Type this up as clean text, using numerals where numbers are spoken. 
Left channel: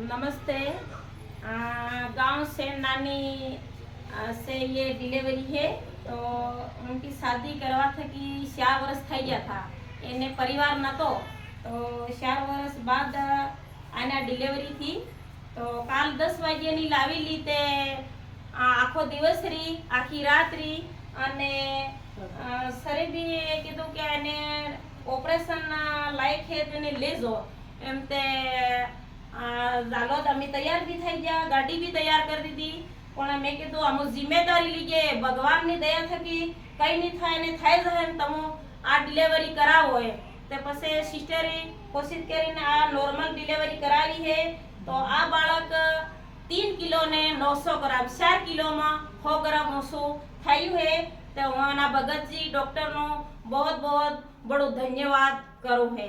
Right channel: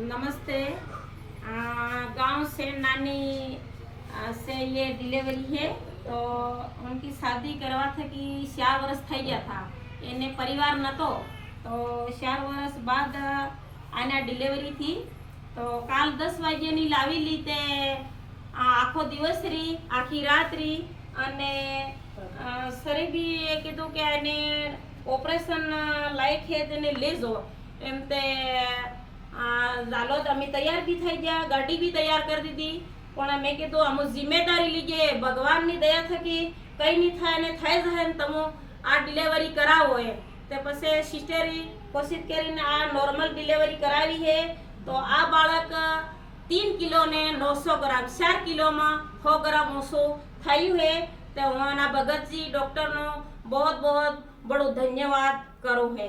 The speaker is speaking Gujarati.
नमस्ते। गांव से नानी से ये डिलीवरी है। तो उनकी शादी करवा था कि 4 वर्ष થઈ ગયા था। એને પરિવાર નતો તો 4 વર્ષ બાદ આના ડિલિવરી थी। તો કાલ 10 વાગ્યાની લાવેલી તે આખો દિવસ રી આખી રાત રી અને સરે બી કીધું કે એને ઓપરેશન લાયક છે તેને લેજો એમ તે जालोद अमी तैयार भी થઈ ગયા, ગાડી भी तैयार कर दी थी। પણ મેં કીધું અમુ જિમ્મેદારી લીજે ભગવાનની દયા થકી કઈ નહીં થાય ને થઈ જાય ને તમે આ ડિલિવરી કરાવો એ તે પછી સિસ્ટરે કોશિશ કરીને આ નોર્મલ ડિલિવરી કરાવી છે। તો આ બાળક 3 કિલો ને 900 ગ્રામ 4 કિલોમાં 100 ગ્રામ ઓછો થયું છે। તો હું આના ભગતજી ડોક્ટરનો बहुत बहुत बड़ो धन्यवाद करो है।